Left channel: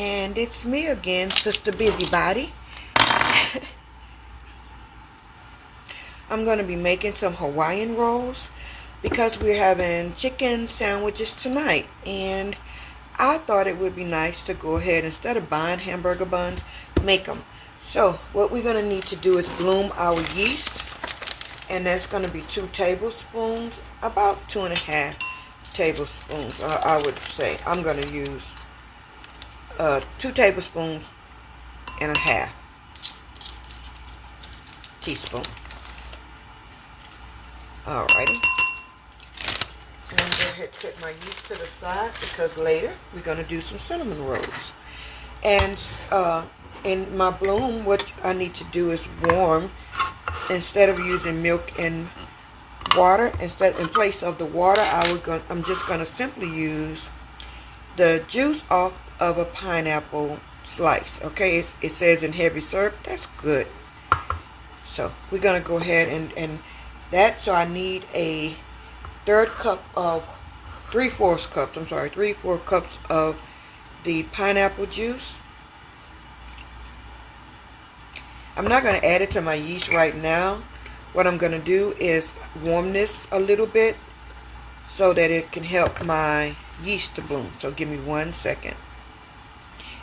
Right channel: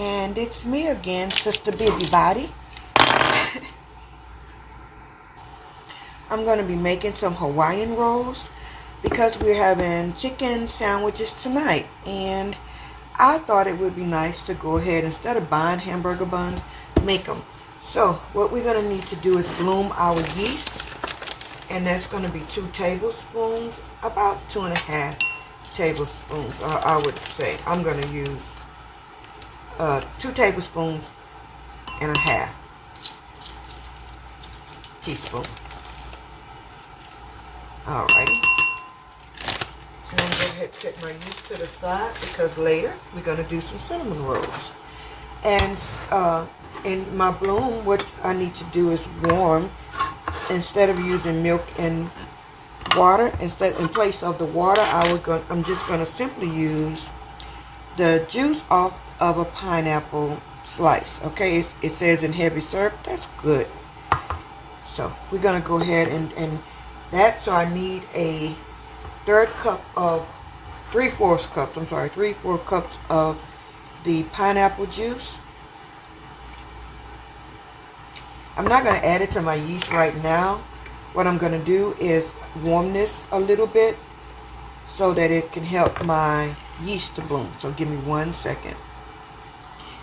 And it's me again, Sister Busybody. I'm going to be making some Hawaiian rolls because we're having chicken sandwiches tonight. And I thought it would be nice to go ahead, instead of buying hamburger buns, make them. So what we're going to need to do is bloom our yeast. And that's going to be 2 tablespoons, about 2.5 tablespoons, I would say. I'm going to use 2 tablespoons and a half teaspoon. Alrighty. I'm going to go ahead and set my yeast to the side because later we're going to do some cinnamon rolls. And in my bloom, what I need to do is warm. Instead of using milk and water, in place of the water, I'm just going to simply use the juice off of a pineapple slice. Okay, it says in heavy syrup. That's good. So we're going to go ahead and that. So I need a 3/4 cups of the pineapple juice. I'm not going to add it to my yeast right now. What I'm going to do is warm this a little bit so that it can help my yeast to bloom. So give me 1 second.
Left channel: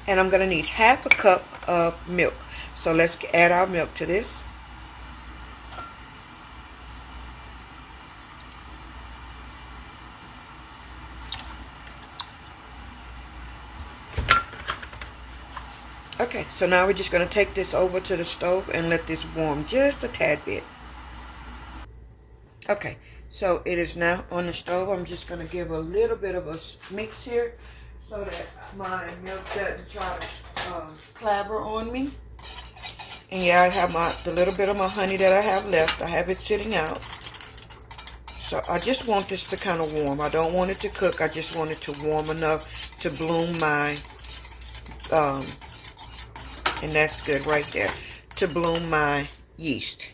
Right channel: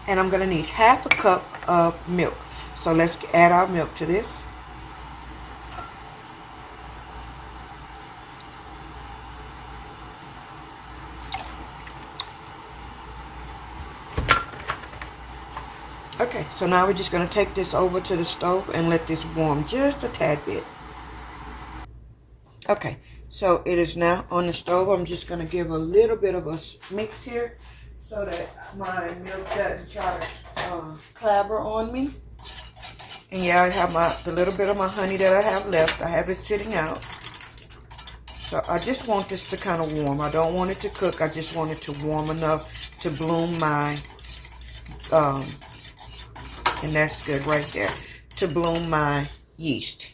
And I'm going to need 1/2 cup of milk. So let's add our milk to this. Okay, so now we're just going to take this over to the stove and let this warm just a tad bit. Okay, so it is now on the stove. I'm just going to give a little bit of a mix here so that my milk doesn't try to clabber on me. And yeah, I have the little bit of my honey that I have left. I have it sitting out. So I just want this to kind of warm. I don't want it to cook. I just want it to warm enough to bloom my and that's good right there, to bloom my yeast.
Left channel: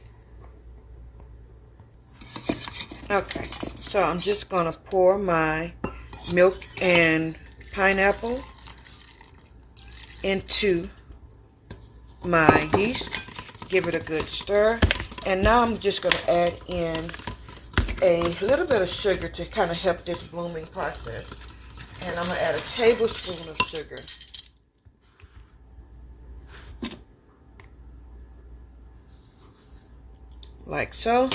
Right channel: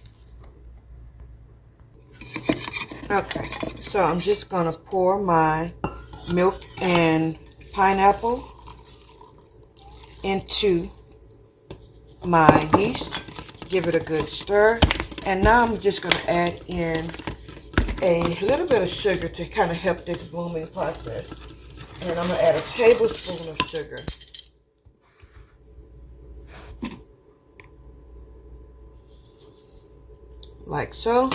Okay, so I'm just going to pour my milk and pineapple into my yeast, give it a good stir, and now I'm just going to add in a little bit of sugar to kind of help this blooming process. And I'm going to add a tablespoon of sugar. Like so,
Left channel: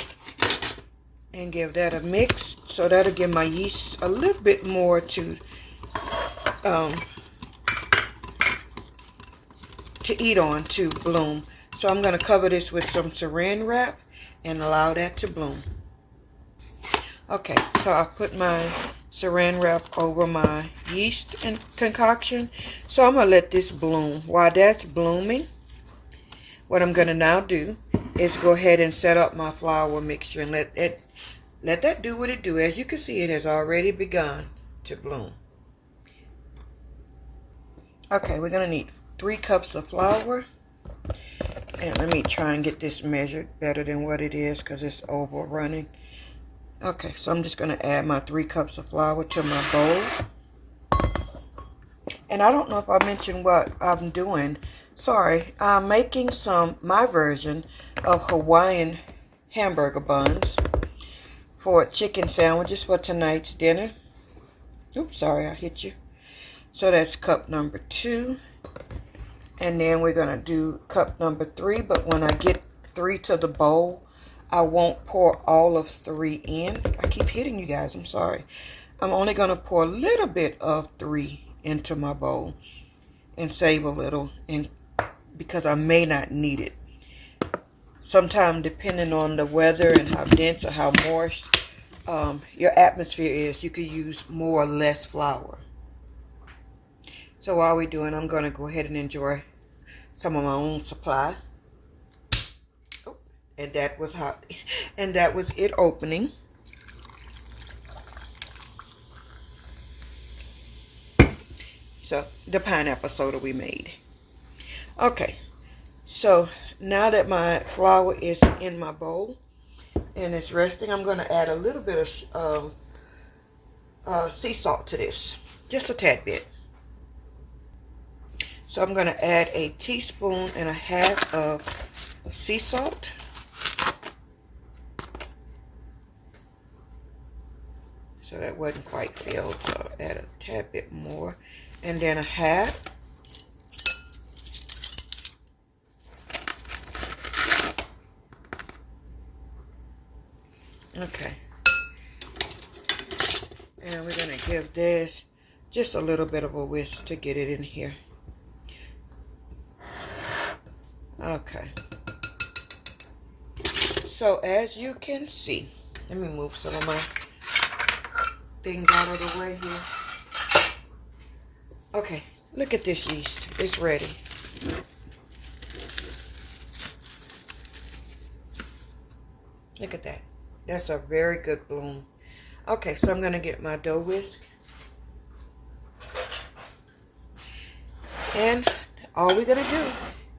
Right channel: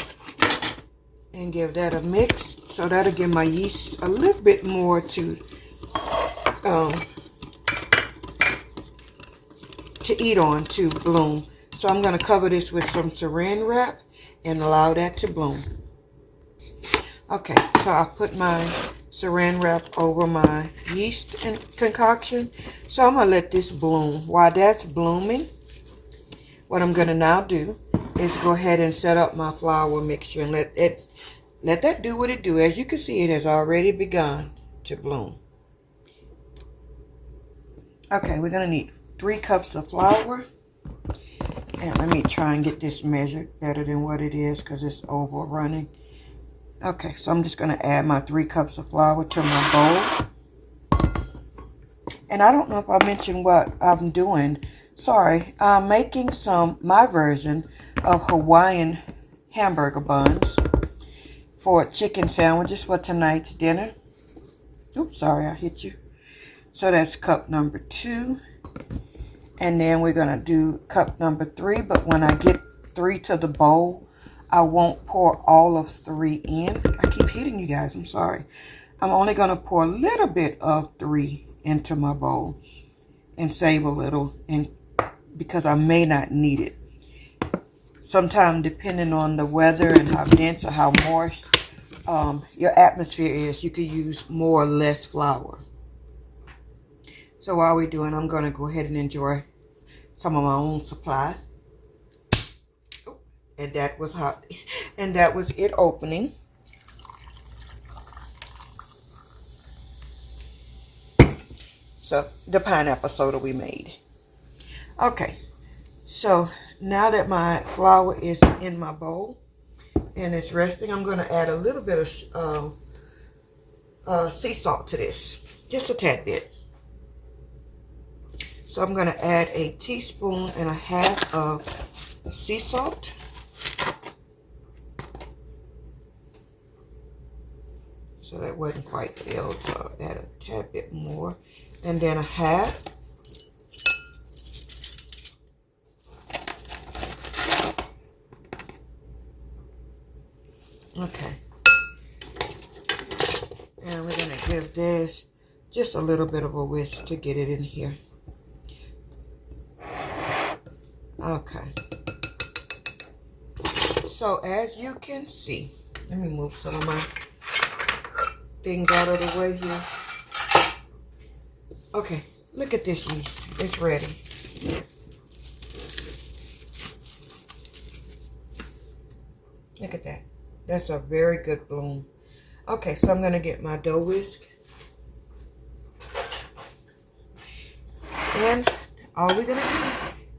and give that a mix. So that'll give my yeast a little bit more to eat on, to bloom. So I'm going to cover this with some saran wrap and allow that to bloom. Okay, so I put my saran wrap over my yeast and concoction. So I'm going to let this bloom. While that's blooming, what I'm going to now do is go ahead and set up my flour mixture and let that do what it do. As you can see, it has already begun to bloom. Okay, we're going to need 3 cups of flour. And let me try and get this measured better than what it is because it's overrunning. Okay, so I'm just going to add my 3 cups of flour to my bowl. And I don't know if I mentioned what I'm doing. Sorry, I'm making my version of Hawaiian hamburger buns for chicken sandwiches for tonight's dinner. Oops, sorry, I hit you. So that's cup number 2. And then we're going to do cup number 3. But when I get 3 to the bowl, I won't pour all of 3 in. I keep hitting you guys, I'm sorry. I'm only going to pour a little bit of 3 into my bowl and save a little, and because I may not need it. Sometimes, depending on the weather and how dense or how moist your atmosphere is, you could use more or less flour. So while we're doing, I'm going to go ahead and enjoy some of my own supply. Oh, and that was hot. And that was it opening. So the pineapple soda we made. Okay, so now that my flour is in my bowl and it's resting, I'm going to add a little bit of sea salt to this. Just a tad bit. So I'm going to add a teaspoon and a half of sea salt. So that wasn't quite filled, so I'll add a tad bit more. And then a half. Okay. And we're going to give this just a little bit of a whisk to get it in here. Okay. So as you can see, let me move some of my things out of the way here. Okay, look at this yeast. It's ready. Look at that. That's a very good bloom. Okay, so I'm going to get my dough whisk. And all we're going to do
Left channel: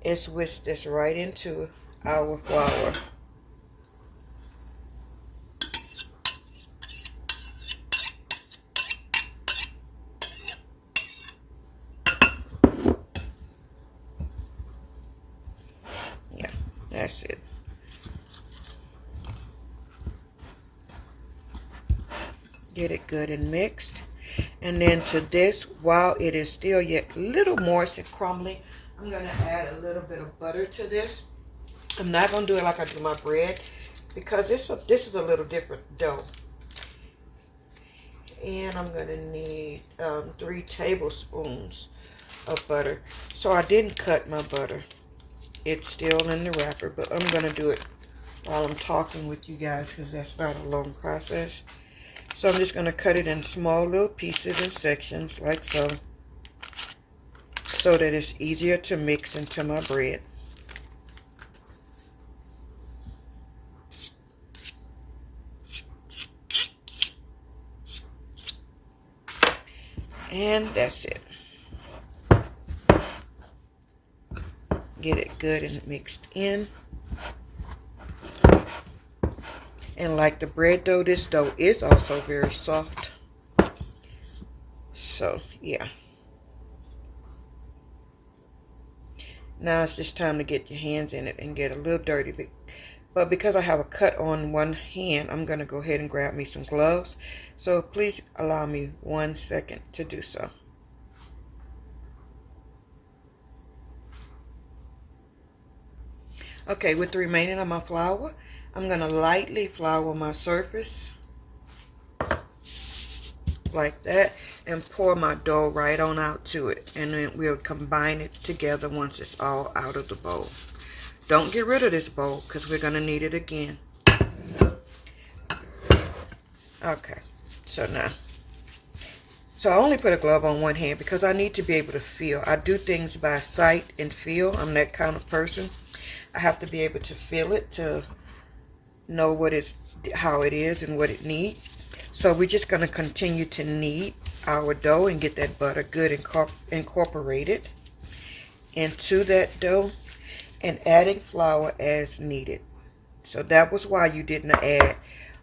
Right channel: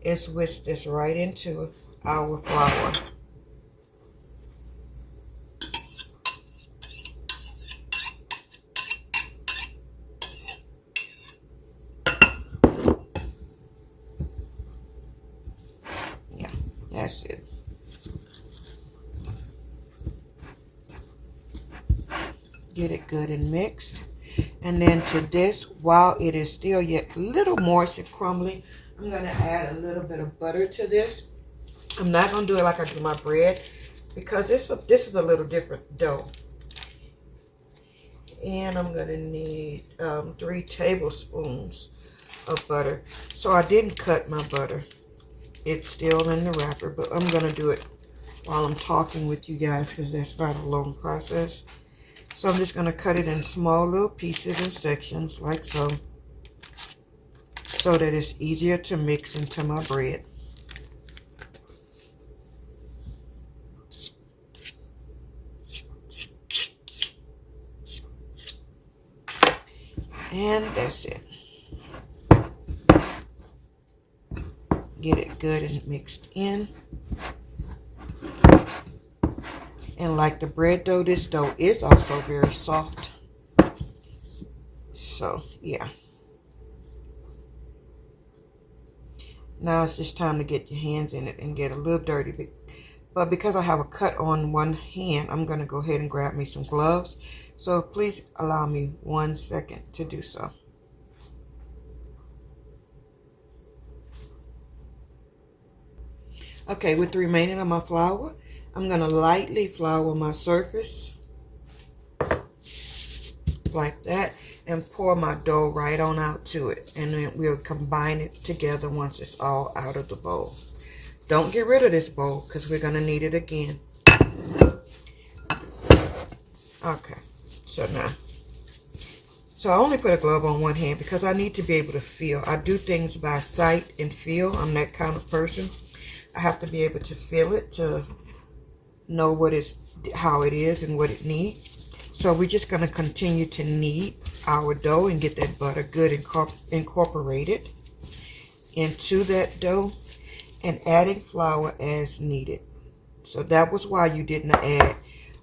is whisk this right into our flour. Yeah, that's it. Get it good and mixed. And then to this, while it is still yet a little moist and crumbly, I'm going to add a little bit of butter to this. I'm not going to do it like I do my bread because this is a little different dough. And I'm going to need 3 tablespoons of butter. So I didn't cut my butter. It's still in the wrapper, but I'm going to do it while I'm talking with you guys because that's not a long process. So I'm just going to cut it in small little pieces and sections like so that it's easier to mix into my bread. And that's it. Get it good and mixed in. And like the bread dough, this dough is also very soft. So, yeah. Now it's just time to get your hands in it and get a little dirty. But because I have a cut on one hand, I'm going to go ahead and grab me some gloves. So please allow me 1 second to do so. Okay, with the remaining of my flour, I'm going to lightly flour my surface like that and pour my dough right on out to it. And then we'll combine it together once it's all out of the bowl. Don't get rid of this bowl because we're going to need it again. Okay, so now. So I only put a glove on one hand because I need to be able to feel. I do things by sight and feel. I'm that kind of person. I have to be able to feel it to know how it is and what it needs. So we're just going to continue to knead our dough and get that butter good incorporated into that dough and adding flour as needed. So that was why you didn't add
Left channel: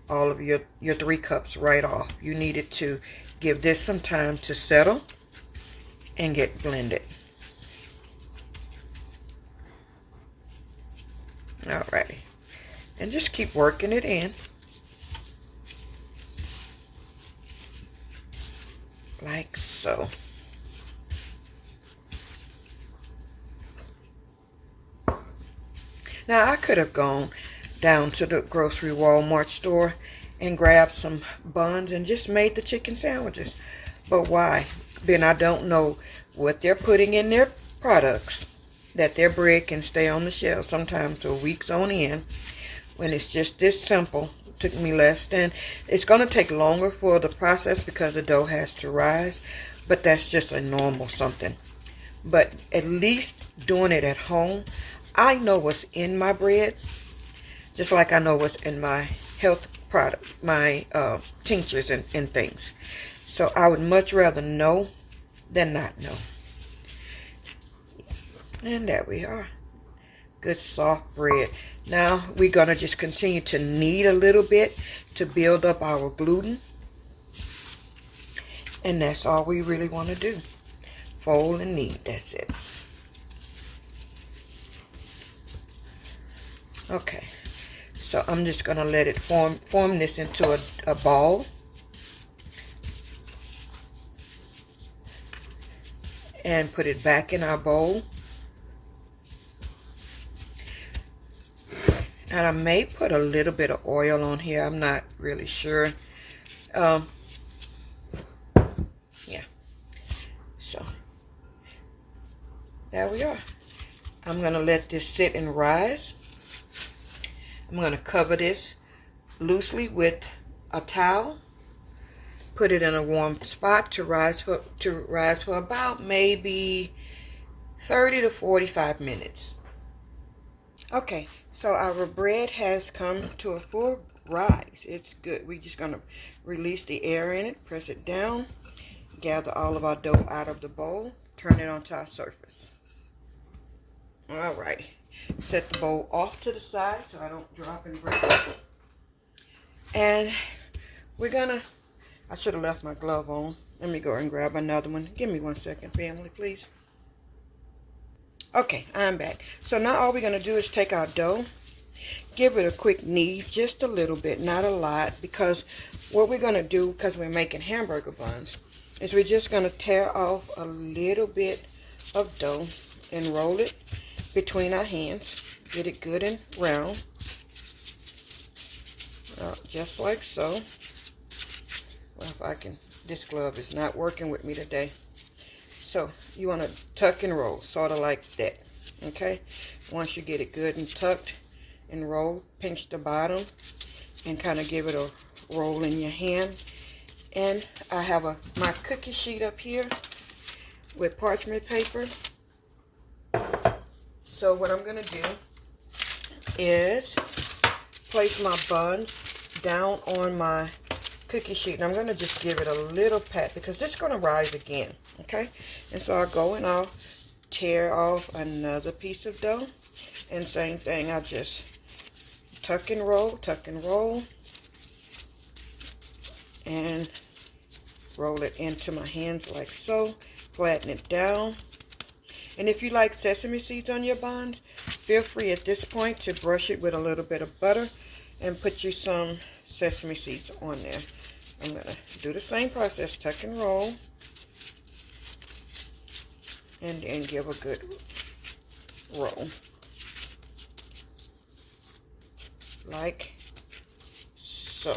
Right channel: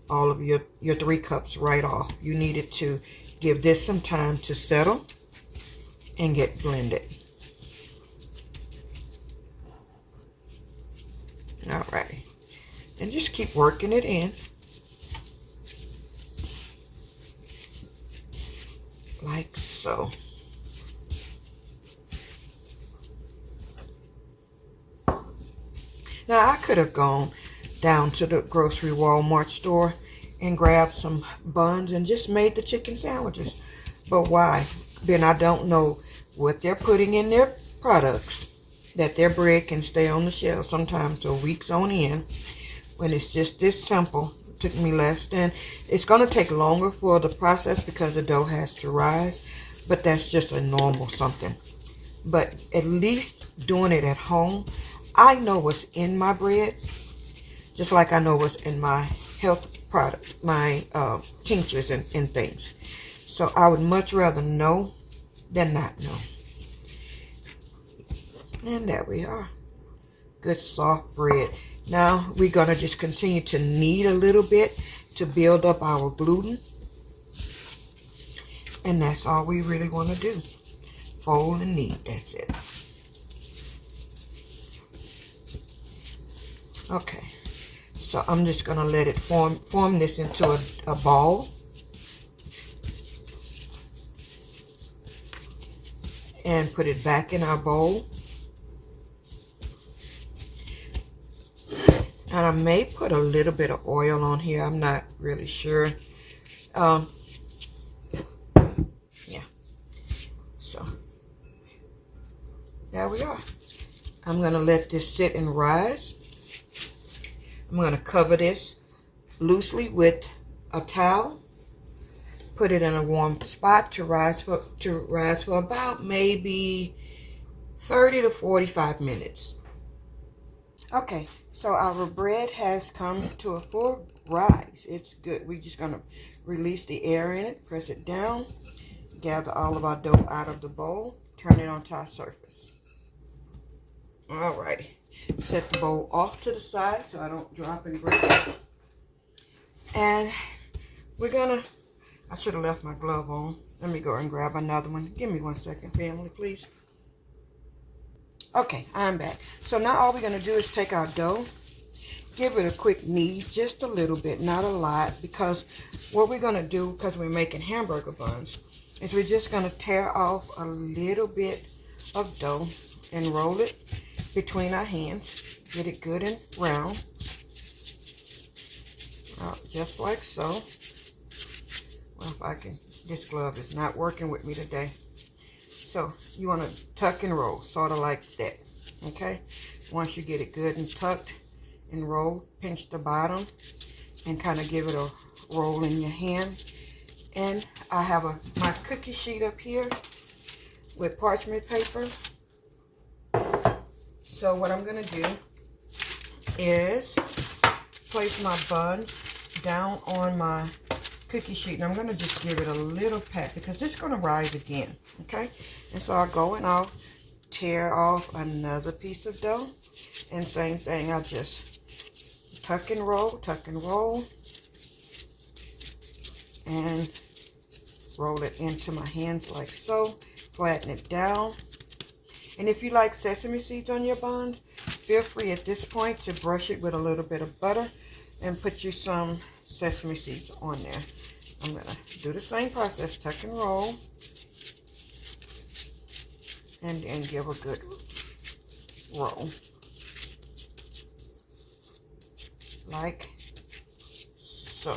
all of your 3 cups right off. You needed to give this some time to settle and get blended. Alrighty. And just keep working it in. Like so. Now I could have gone down to the grocery Walmart store and grabbed some buns and just made the chicken sandwiches. But why? Then I don't know what they're putting in their products that their bread can stay on the shelf sometimes for weeks on end. When it's just this simple, it took me less than. It's going to take longer for the process because the dough has to rise, but that's just a normal something. But at least doing it at home, I know what's in my bread, just like I know what's in my health product, my tinctures and things. So I would much rather know than not know. And there we are. Good soft bread. Now we're going to just continue to knead a little bit to build up our gluten. And that's all we really want to do. Fold and knead. That's it. Okay, so I'm just gonna let it form this into a ball. And put it back in our bowl. And I may put a little bit of oil on here. I'm not really sure. Yeah. So, there we are. I'm going to let this sit and rise. I'm going to cover this loosely with a towel. Put it in a warm spot to rise for about maybe 30 to 45 minutes. Okay, so our bread has come to a full rise. It's good. We're just going to release the air in it, press it down, gather all of our dough out of the bowl, turn it onto our surface. All right, set the bowl off to the side so I don't drop and break it. And we're going to, I should have left my glove on. Let me go and grab another one. Give me 1 second, family, please. Okay, I'm back. So now all we're going to do is take our dough, give it a quick knead, just a little bit, not a lot, because what we're going to do, because we're making hamburger buns, is we're just going to tear off a little bit of dough and roll it between our hands. Get it good and round, just like so. Well, if I can, this glove is not working with me today. So you want to tuck and roll, sort of like that, okay? Once you get it good and tucked and rolled, pinch the bottom and kind of give it a roll in your hand. And I have my cookie sheet up here with parchment paper. So what I'm going to do is place my buns down on my cookie sheet, and I'm going to just give it a little pat because this is going to rise again, okay? And so I go and I'll tear off another piece of dough, and same thing, I'll just tuck and roll, and roll it into my hands like so, flatten it down. And if you like sesame seeds on your buns, feel free at this point to brush it with a little bit of butter and put you some sesame seeds on there. I'm going to do the same process, tuck and roll, and then give a good roll, like so.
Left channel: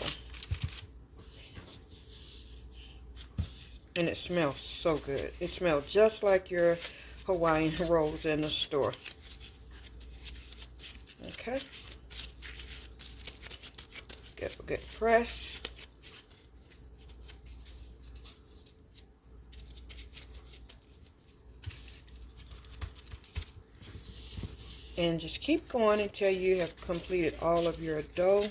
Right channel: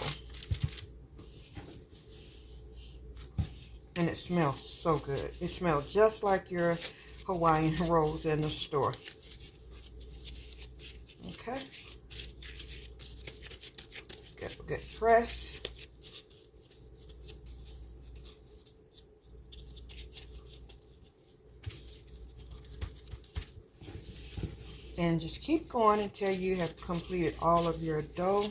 And it smells so good. It smells just like your Hawaiian rolls in the store. Okay. Give a good press. And just keep going until you have completed all of your dough.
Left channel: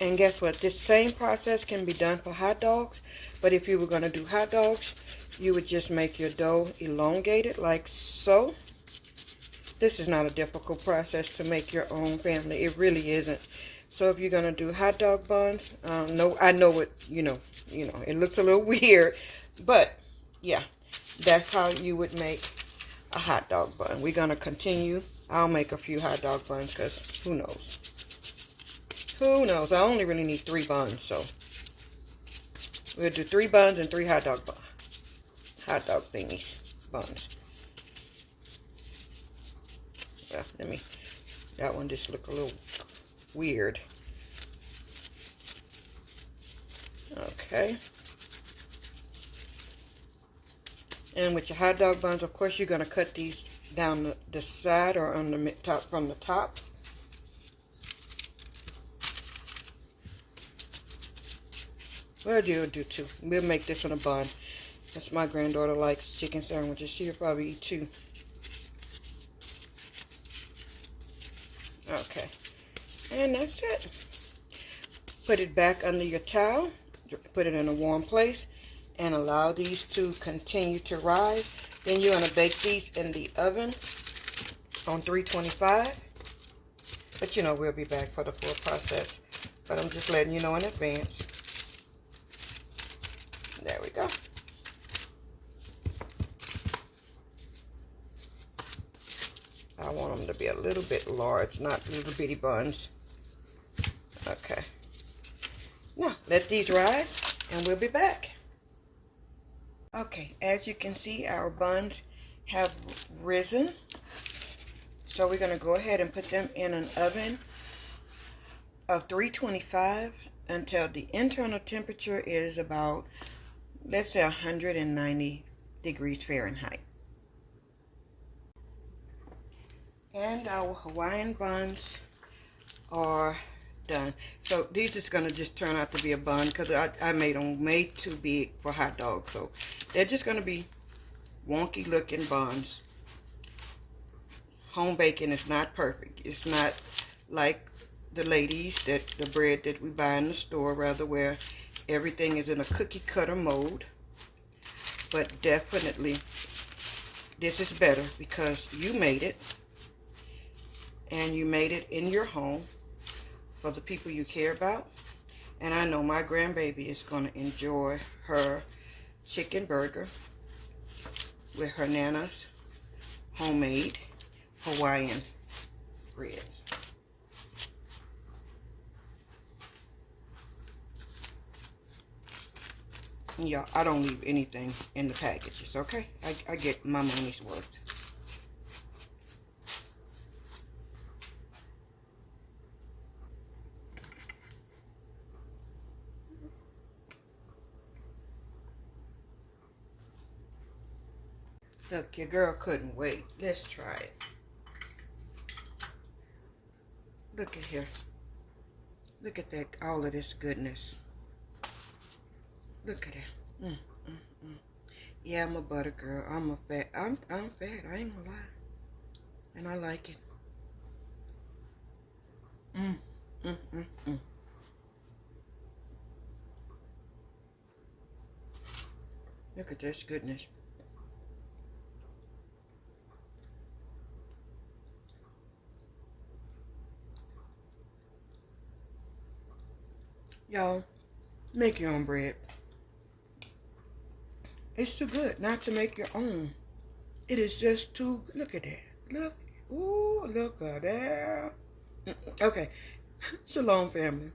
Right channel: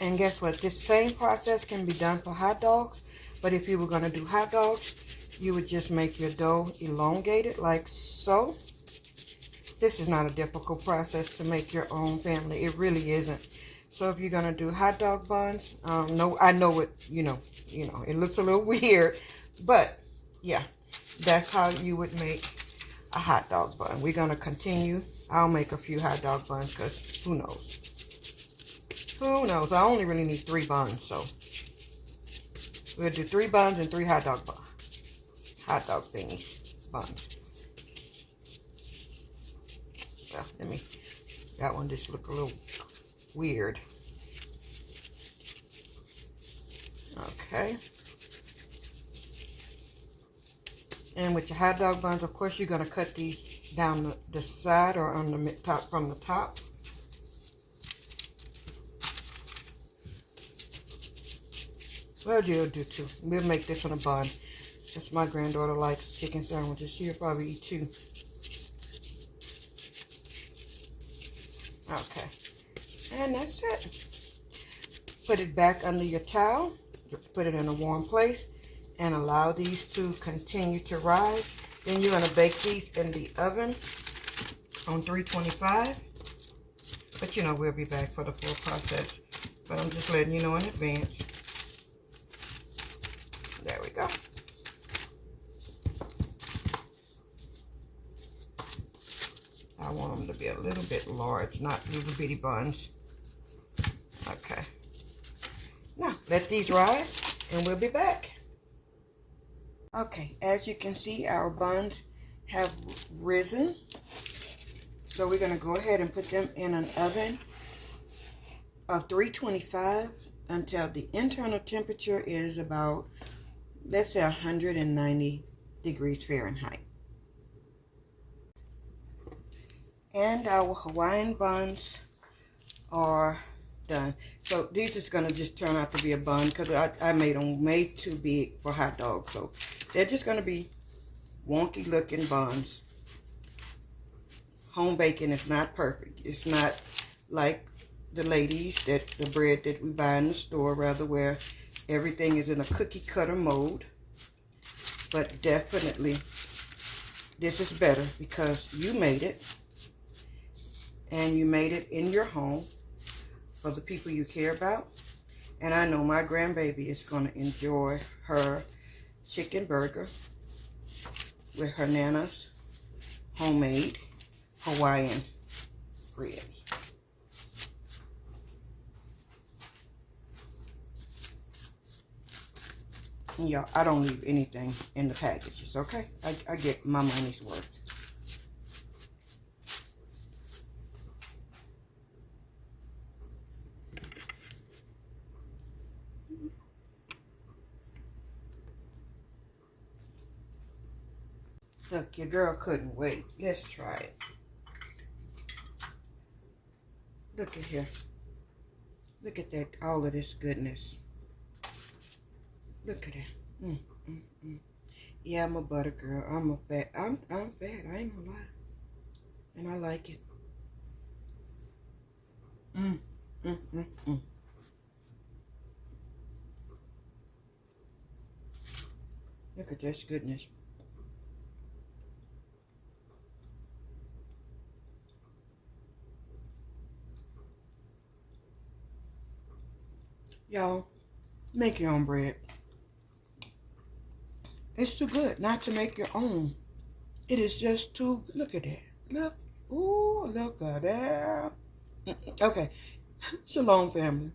And guess what? This same process can be done for hot dogs. But if you were going to do hot dogs, you would just make your dough elongated like so. This is not a difficult process to make your own, family. It really isn't. So if you're going to do hot dog buns, no, I know it, you know, it looks a little weird. But, yeah, that's how you would make a hot dog bun. We're going to continue. I'll make a few hot dog buns because who knows? Who knows? I only really need 3 buns, so we'll do 3 buns and 3 hot dog thingies, buns. Well, that one just looked a little weird. Okay. And with your hot dog buns, of course, you're going to cut these down the side or on the top, from the top. Well, you'll do 2. We'll make this one a bun. Since my granddaughter likes chicken sandwiches, she'll probably eat 2. Okay. And that's it. Put it back under your towel. Put it in a warm place. And allow these to continue to rise. Then you're going to bake these in the oven on 325. But, we'll be back for the full process. But I'm just letting you know in advance. I want them to be a little bit large, not little bitty buns. Okay. Now, let these rise, and we'll be back. Okay, as you can see, our buns have risen. So we're going to go ahead and put them in an oven of 325 until the internal temperature is about, let's say, 190 degrees Fahrenheit. And our Hawaiian buns are done. So these is going to just turn out to be a bun because I made them way too big for hot dogs. So they're just going to be wonky looking buns. Home baking is not perfect. It's not like the ladies, that the bread that we buy in the store, rather, where everything is in a cookie cutter mode. But definitely this is better because you made it, and you made it in your home for the people you care about. And I know my grandbaby is going to enjoy her chicken burger with her Nana's homemade Hawaiian bread. Yeah, I don't leave anything in the packages, okay? I get my money's worth. Look, your girl couldn't wait. Let's try it. Look at here. Look at that, all of this goodness. Look at it. Yeah, I'm a butter girl. I'm fat. I ain't gonna lie. And I like it. Look at this goodness. Y'all, make your own bread. It's too good not to make your own. It is just too, look at that. Look, ooh, look at that. Okay, shalom family.